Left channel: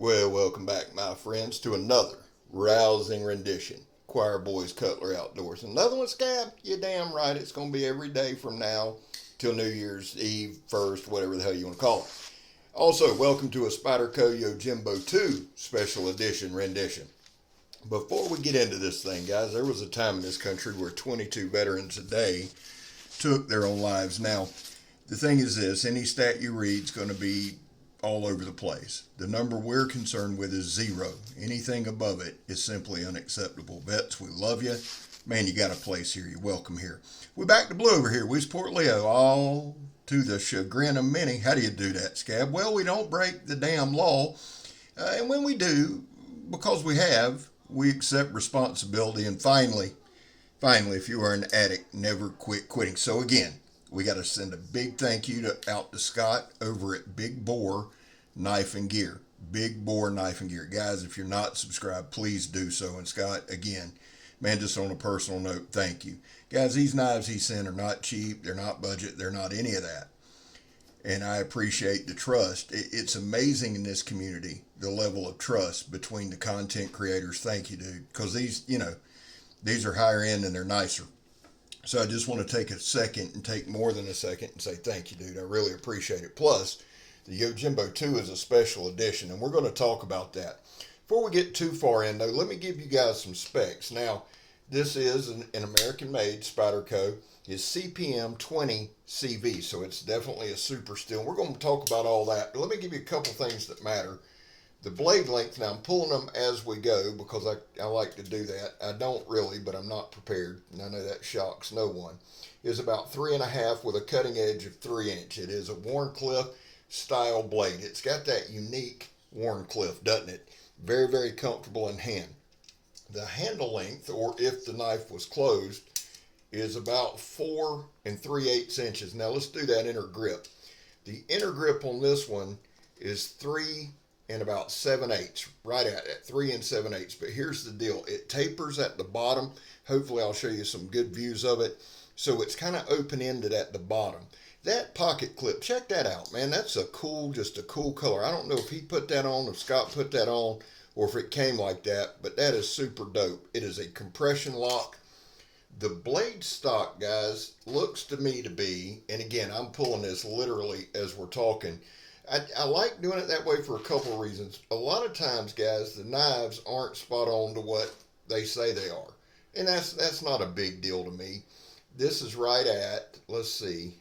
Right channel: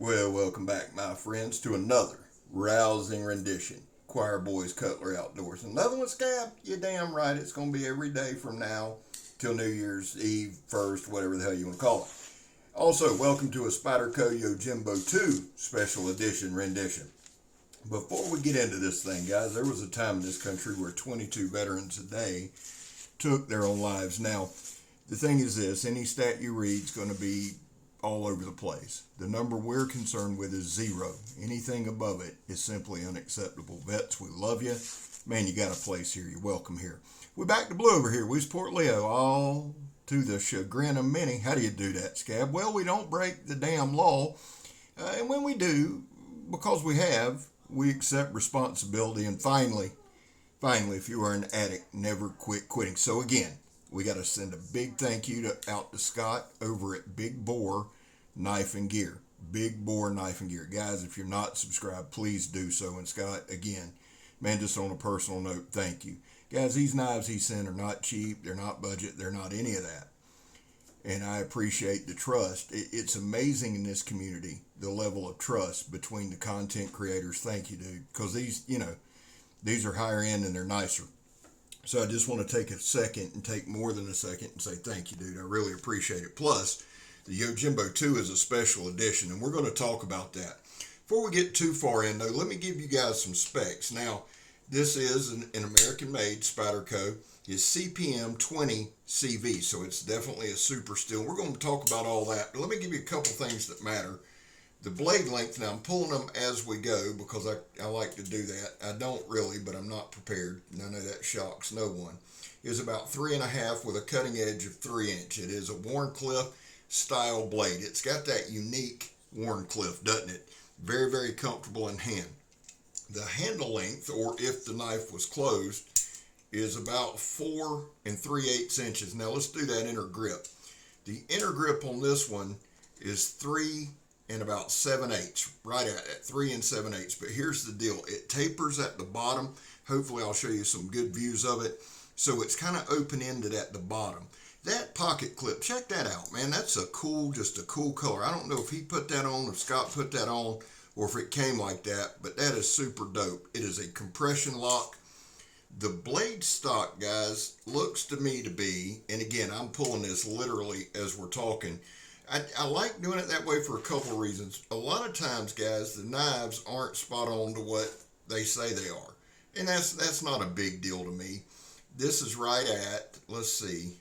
Well, welcome back, my friends, to another rousing rendition. Choir Boys Cutler Outdoors. Another one, Scab? You're damn right. It's going to be every day from now till New Year's Eve, 1st, whatever the hell you want to call it. Also, welcome to a Spyderco Yojimbo 2 special edition rendition. Before we get into this thing, guys, there was a time in this country where 22 veterans a day took their own lives. Now, the thing is this, any stat you read is going to be all over the place. The number we're concerned with is 0. Anything above it is simply unacceptable. Vets, we love you. Man, you got a place here. You're welcome here. We're back to blue over here. We support Leo, all to the chagrin of many. How do you do that, Scab? Well, we don't break the damn law. And when we do, because we accept responsibility. And finally, if you are an addict, never quit quitting. So again, we got to send a big thank you out to Scott over at Big Bore Knife and Gear. Big Bore Knife and Gear. Guys, if you're not subscribed, please do so. And Scott, again, man, just on a personal note, thank you. Guys, these knives he sent are not cheap. They're not budget. They're not any of that. And I appreciate the trust. It's amazing in this community, the level of trust between the content creators. Thank you, dude. Because these are higher end and they're nicer. So I just want to take a second and take more than a second and say thank you, dude. I really appreciate it. Plus, the Yojimbo 2 is a special edition, and we're going to talk about that. Before we get too far in, though, let me give you guys some specs. Now, this is an American-made Spyderco. It's CPM 20 CV, so it's definitely a super steel. We're going to talk about all that, but let me give you a couple things that matter. The blade length, now I'm pulling them as we go because I like to do that. I don't really, but I'm not prepared, and I know that shocks no one. Is about 3.5 with a cutting edge of 3-inch. It is a Wharncliffe style blade. It's got that unique Wharncliffe, doesn't it? Very, very comfortable in hand. The handle length, or if the knife was closed, is about 4 3/8 inches. Now let's do that inner grip. The inner grip on this one is 3 and about 7/8, right at 3 7/8. But here's the deal. It tapers at the bottom. Hopefully I'll show you some good views of it. So it's kind of open-ended at the bottom. That pocket clip, check that out, man. That's just a cool color. I don't know if he put that on, if Scott put that on, or if it came like that, but that is super dope. It is a compression lock. The blade stock, guys, looks to me to be, and again, I'm pulling this literally as we're talking, I like doing it that way for a couple of reasons. A lot of times, guys, the knives aren't spot on to what they say they are. And that's not a big deal to me. This is right at, let's see,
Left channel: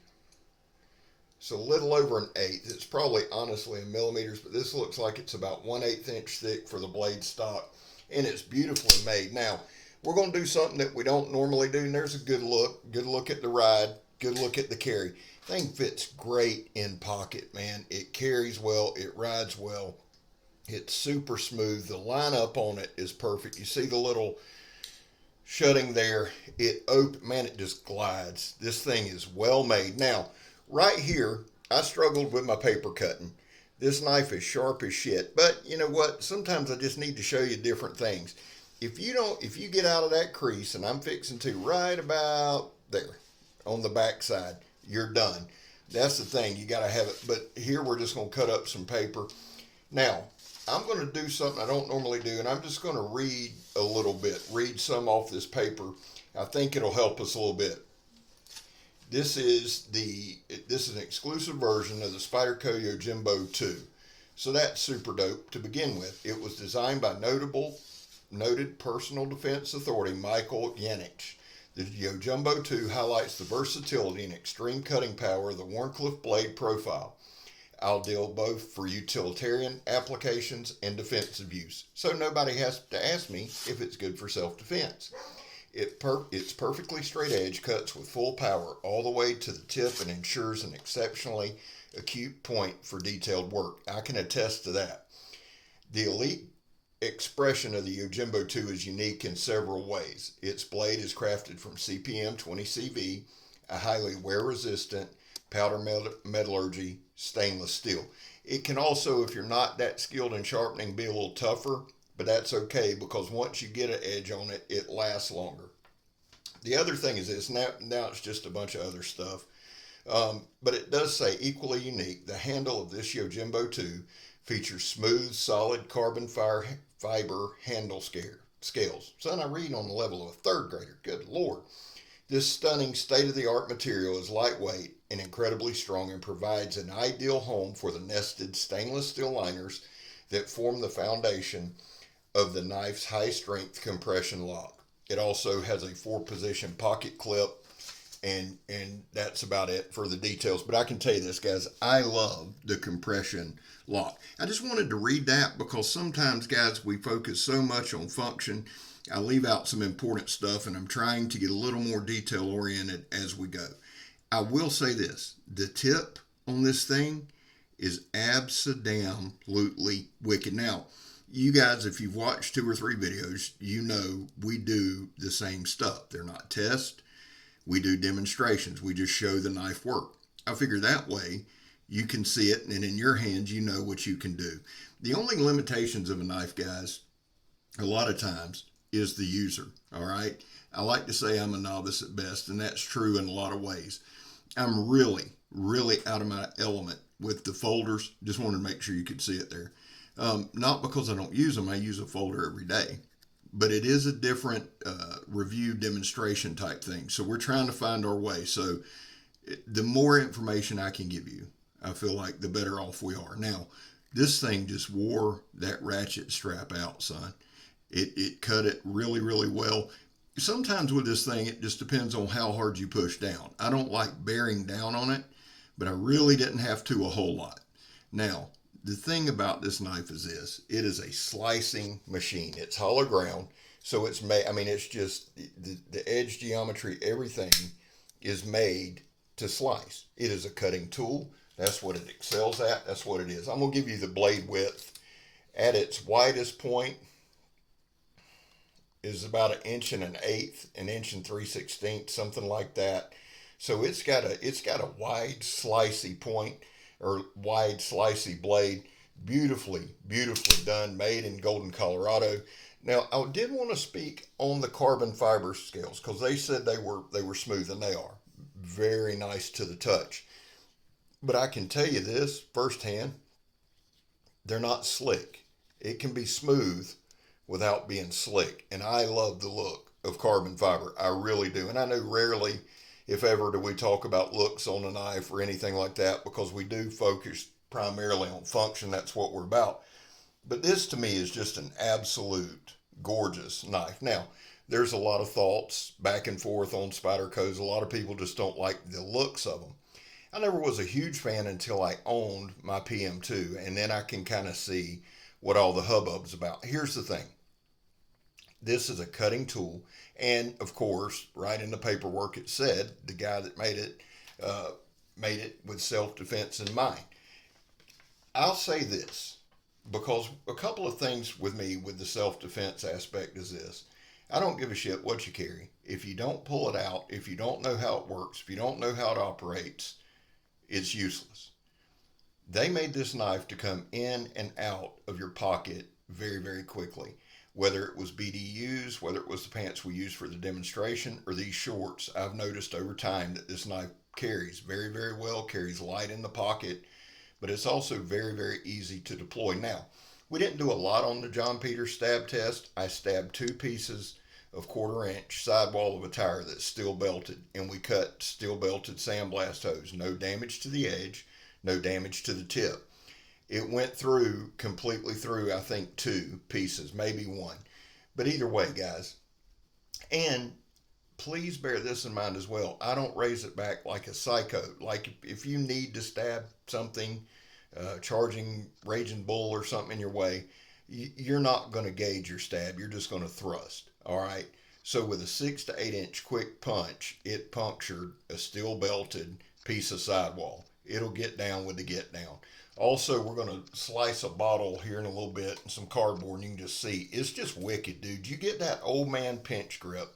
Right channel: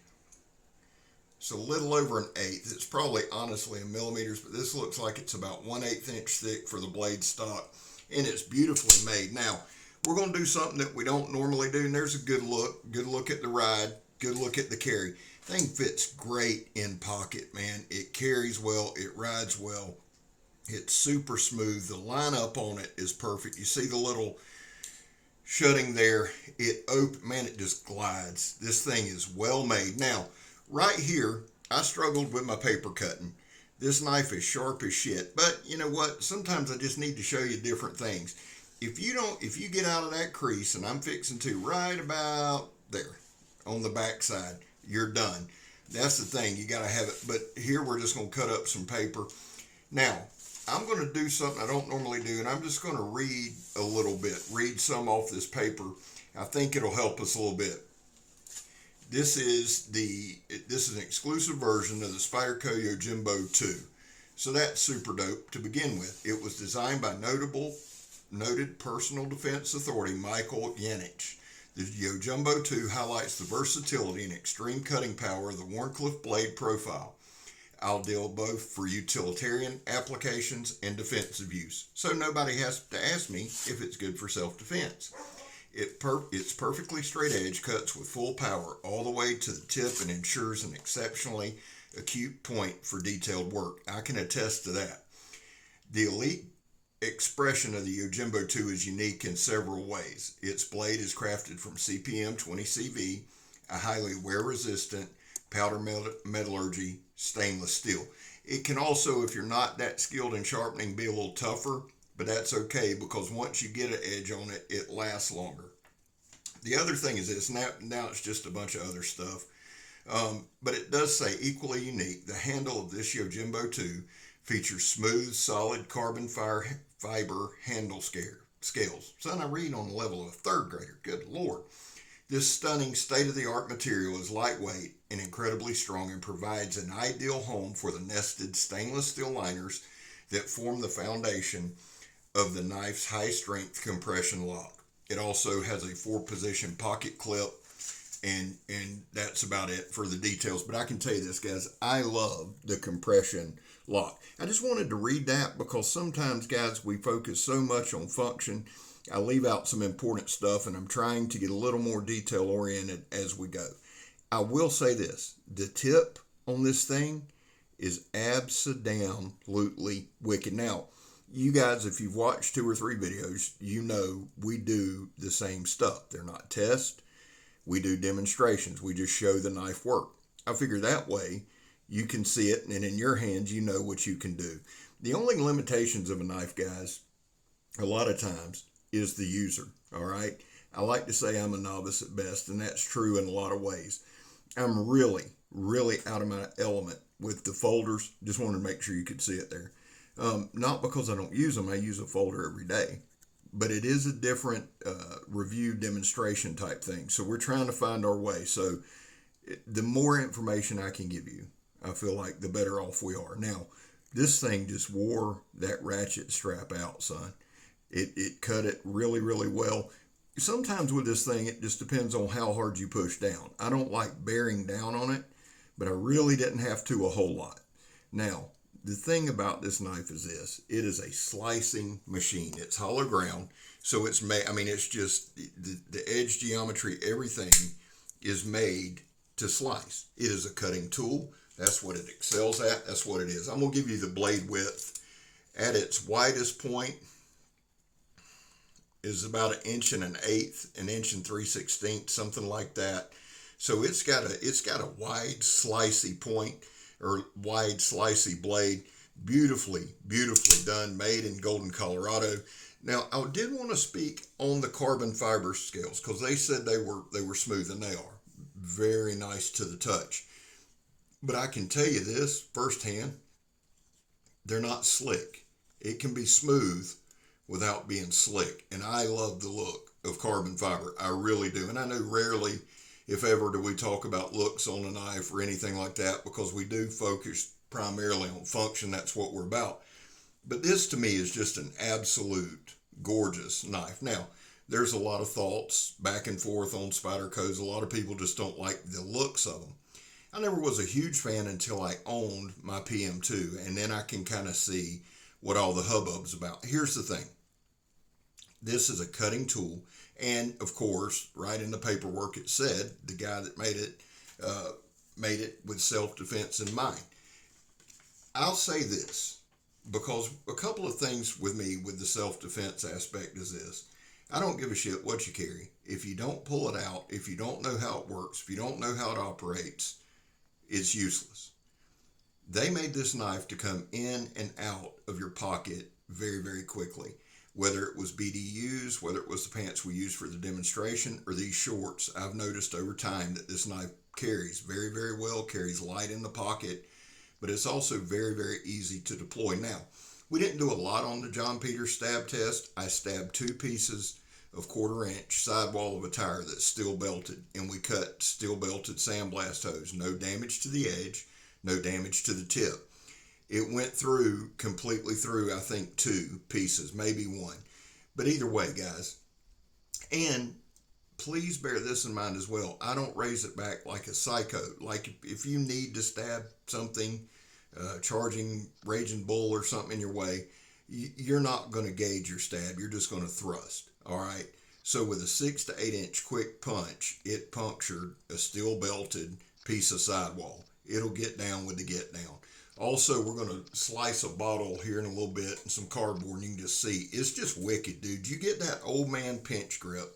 it's a little over 1/8. It's probably honestly in millimeters, but this looks like it's about 1/8 inch thick for the blade stock. And it's beautifully made. Now, we're going to do something that we don't normally do. And there's a good look. Good look at the ride. Good look at the carry. Thing fits great in pocket, man. It carries well. It rides well. It's super smooth. The lineup on it is perfect. You see the little shutting there. Man, it just glides. This thing is well made. Now, right here, I struggled with my paper cutting. This knife is sharp as shit. But you know what? Sometimes I just need to show you different things. If you get out of that crease, and I'm fixing to right about there on the back side, you're done. That's the thing. You got to have it. But here we're just going to cut up some paper. Now, I'm going to do something I don't normally do, and I'm just going to read a little bit. Read some off this paper. I think it'll help us a little bit. This is an exclusive version of the Spyderco Yojimbo 2. So that's super dope to begin with. It was designed by noted personal defense authority Michael Yanich. The Yojimbo 2 highlights the versatility and extreme cutting power of the Wharncliffe blade profile. Ideal both for utilitarian applications and defensive use, so nobody has to ask me if it's good for self-defense. Its perfectly straight edge cuts with full power all the way to the tip and ensures an exceptionally acute point for detailed work. I can attest to that. The elite expression of the Yojimbo 2 is unique in several ways. Its blade is crafted from CPM 20 CV, a highly wear-resistant powder metallurgy stainless steel. It can also, if you're not that skilled in sharpening, be a little tougher, but that's okay because once you get an edge on it, it lasts longer. The other thing is this, now it's just a bunch of other stuff, but it does say equally unique. The handle of this Yojimbo 2 Features smooth, solid carbon fiber handle scales. Son, I read on the level of a third grader. Good Lord. This stunning state-of-the-art material is lightweight and incredibly strong and provides an ideal home for the nested stainless steel liners that form the foundation of the knife's high-strength compression lock. It also has a 4-position pocket clip, and that's about it for the details. But I can tell you this, guys, I love the compression lock. I just wanted to read that because sometimes, guys, we focus so much on function. I leave out some important stuff, and I'm trying to get a little more detail oriented as we go. I will say this, the tip on this thing is absolutely wicked. Now, you guys, if you've watched 2 or 3 videos, you know we do the same stuff. They're not tests. We do demonstrations. We just show the knife work. I figure that way you can see it, and in your hands, you know what you can do. The only limitations of a knife, guys, a lot of times, is the user, all right? I like to say I'm a novice at best, and that's true in a lot of ways. I'm really, really out of my element with the folders. Just wanted to make sure you could see it there. Not because I don't use them. I use a folder every day. But it is a different review demonstration type thing. So we're trying to find our way. So the more information I can give you, I feel like the better off we are. Now, this thing just wore that ratchet strap out, son. It cut it really, really well. Sometimes with this thing, it just depends on how hard you push down. I don't like bearing down on it, but I really didn't have to a whole lot. Now, the thing about this knife is this. It is a slicing machine. It's hollow ground, so it's made, it's just the edge geometry, everything is made to slice. It is a cutting tool. That's what it excels at. That's what it is. I'm going to give you the blade width. At its widest point is about 1 1/8, 1 3/16, something like that. So it's got a wide slicey point, or wide slicey blade. Beautifully done, made in Golden, Colorado. Now, I did want to speak on the carbon fiber scales because they said they were smooth, and they are very nice to the touch. But I can tell you this firsthand, they're not slick. It can be smooth without being slick, and I love the look of carbon fiber. I really do. And I know rarely, if ever, do we talk about looks on a knife or anything like that, because we do focus primarily on function. That's what we're about. But this to me is just an absolute gorgeous knife. Now, there's a lot of thoughts back and forth on Spydercos. A lot of people just don't like the looks of them. I never was a huge fan until I owned my PM2, and then I can kind of see what all the hubbub's about. Here's the thing. This is a cutting tool, and of course, right in the paperwork it said the guy that made it with self-defense in mind. I'll say this, because a couple of things with me with the self-defense aspect is this. I don't give a shit what you carry. If you don't pull it out, if you don't know how it works, if you don't know how it operates, it's useless. They made this knife to come in and out of your pocket very, very quickly. Whether it was BDUs, whether it was the pants we used for the demonstration, or these shorts, I've noticed over time that this knife carries very, very well, carries light in the pocket, but it's also very, very easy to deploy. Now, we didn't do a lot on the John Peters stab test. I stabbed 2 pieces of 1/4 inch sidewall of a tire that's steel belted, and we cut steel belted sandblast hose. No damage to the edge, no damage to the tip. It went through, completely through, I think 2 pieces, maybe 1. But either way, guys, and please bear this in mind as well. I don't raise it back like a psycho. Like if you need to stab something, charging Raging Bull or something in your way, you're not going to gauge your stab. You're just going to thrust. All right. So with a 6 to 8 inch quick punch, it punctured a steel belted piece of sidewall. It'll get down with the get down. Also, we're going to slice a bottle here in a little bit and some cardboard, and you can just see. It's just wicked, dude. You get that old man pinch grip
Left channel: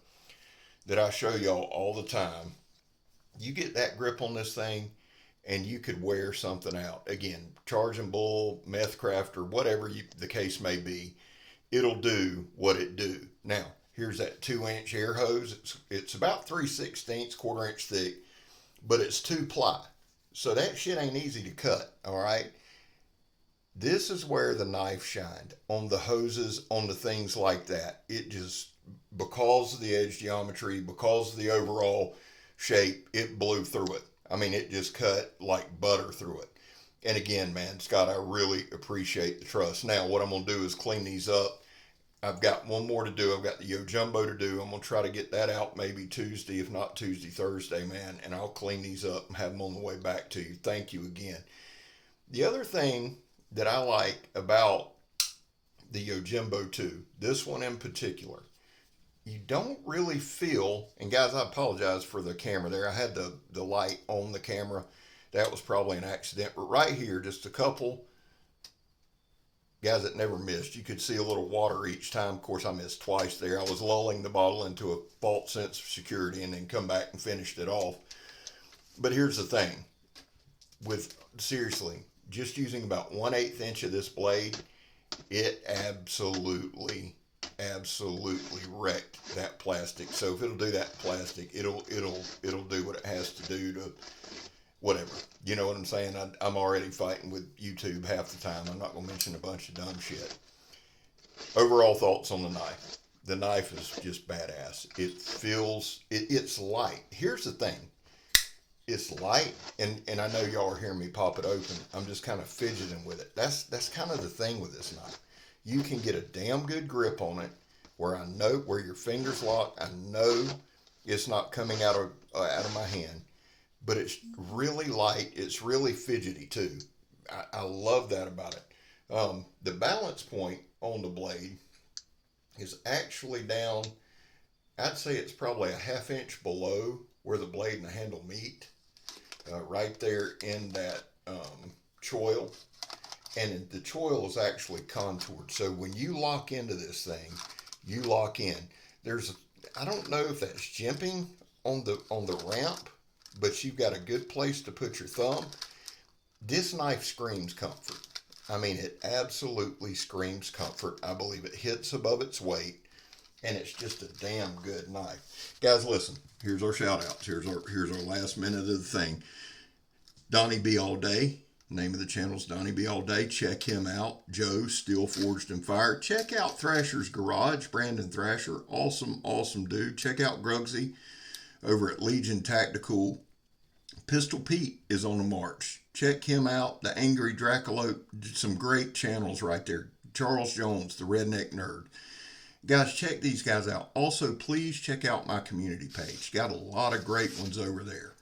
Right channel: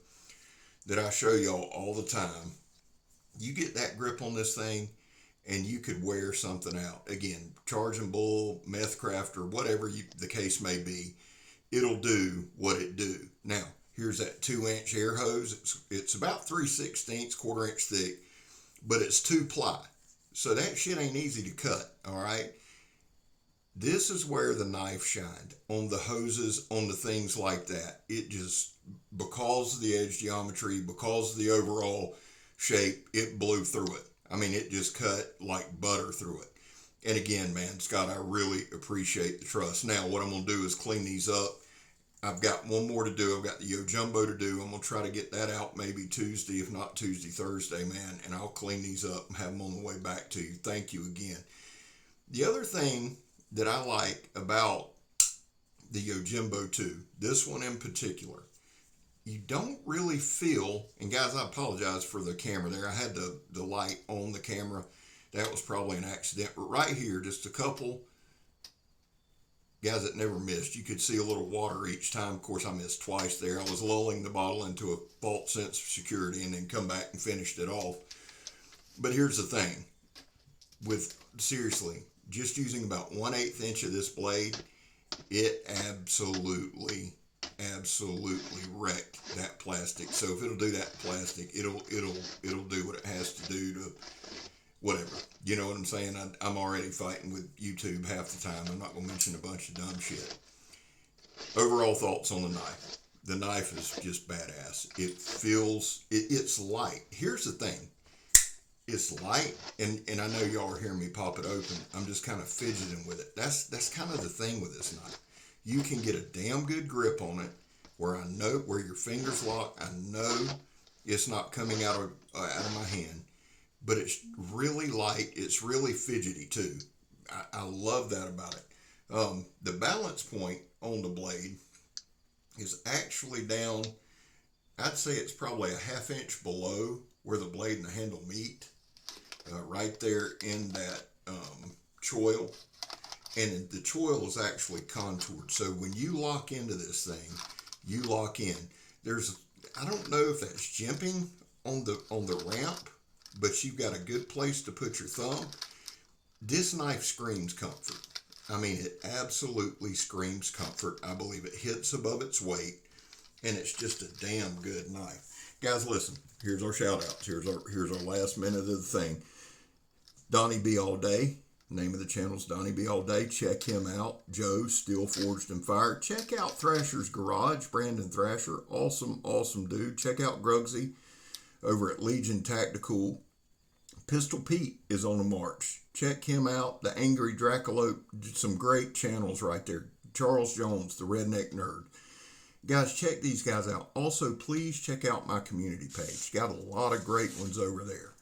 that I show y'all all the time. You get that grip on this thing, and you could wear something out. Again, Charging Bull, Meth Crafter, whatever the case may be, it'll do what it do. Now, here's that 2 inch air hose. It's about 3/16, 1/4 inch thick, but it's 2 ply. So that shit ain't easy to cut, all right? This is where the knife shined, on the hoses, on the things like that. It just, because of the edge geometry, because of the overall shape, it blew through it. I mean, it just cut like butter through it. And again, man, Scott, I really appreciate the trust. Now, what I'm going to do is clean these up. I've got one more to do. I've got the Yojimbo to do. I'm going to try to get that out maybe Tuesday, if not Tuesday, Thursday, man. And I'll clean these up and have them on the way back to you. Thank you again. The other thing that I like about the Yojimbo 2, this one in particular, you don't really feel, and guys, I apologize for the camera there. I had the light on the camera. That was probably an accident. But right here, just a couple, guys, it never missed. You could see a little water each time. Of course, I missed twice there. I was lulling the bottle into a false sense of security and then come back and finished it off. But here's the thing. Seriously, just using about 1/8 inch of this blade, it absolutely wrecked that plastic. So if it'll do that plastic, it'll do what it has to do to whatever. You know what I'm saying? I'm already fighting with YouTube half the time. I'm not going to mention a bunch of dumb shit. Overall thoughts on the knife. The knife is just badass. It feels, it's light. Here's the thing. It's light, and I know y'all are hearing me pop it open. I'm just kind of fidgeting with it. That's kind of the thing with this knife. You can get a damn good grip on it, where I know where your fingers lock. I know it's not coming out of my hand, but it's really light. It's really fidgety too. I love that about it. The balance point on the blade is actually down. I'd say it's probably a 1/2 inch below where the blade and the handle meet. Right there in that choil, and the choil is actually contoured. So when you lock into this thing, you lock in. I don't know if that's jimping on the ramp, but you've got a good place to put your thumb. This knife screams comfort. I mean, it absolutely screams comfort. I believe it hits above its weight, and it's just a damn good knife. Guys, listen, here's our shout outs. Here's our last minute of the thing. Donnie B All Day. Name of the channel's Donnie B All Day. Check him out. Joe, Steel Forged and Fire. Check out Thrasher's Garage. Brandon Thrasher. Awesome dude. Check out Grugsy over at Legion Tactical. Pistol Pete is on the march. Check him out. The Angry Dracula. Some great channels right there. Charles Jones, the Redneck Nerd. Guys, check these guys out. Also, please check out my community page. Got a lot of great ones over there.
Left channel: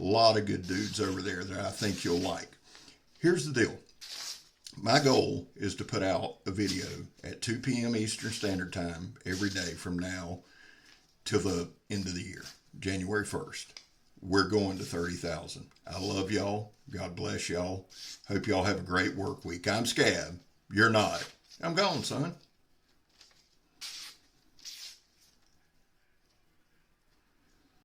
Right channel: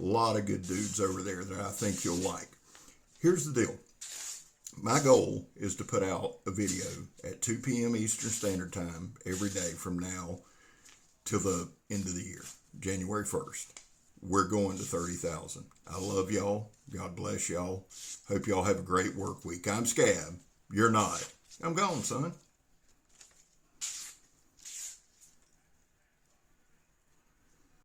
A lot of good dudes over there that I think you'll like. Here's the deal. My goal is to put out a video at 2 p.m. Eastern Standard Time every day from now till the end of the year, January 1st. We're going to 30,000. I love y'all. God bless y'all. Hope y'all have a great work week. I'm Scab. You're not. I'm gone, son.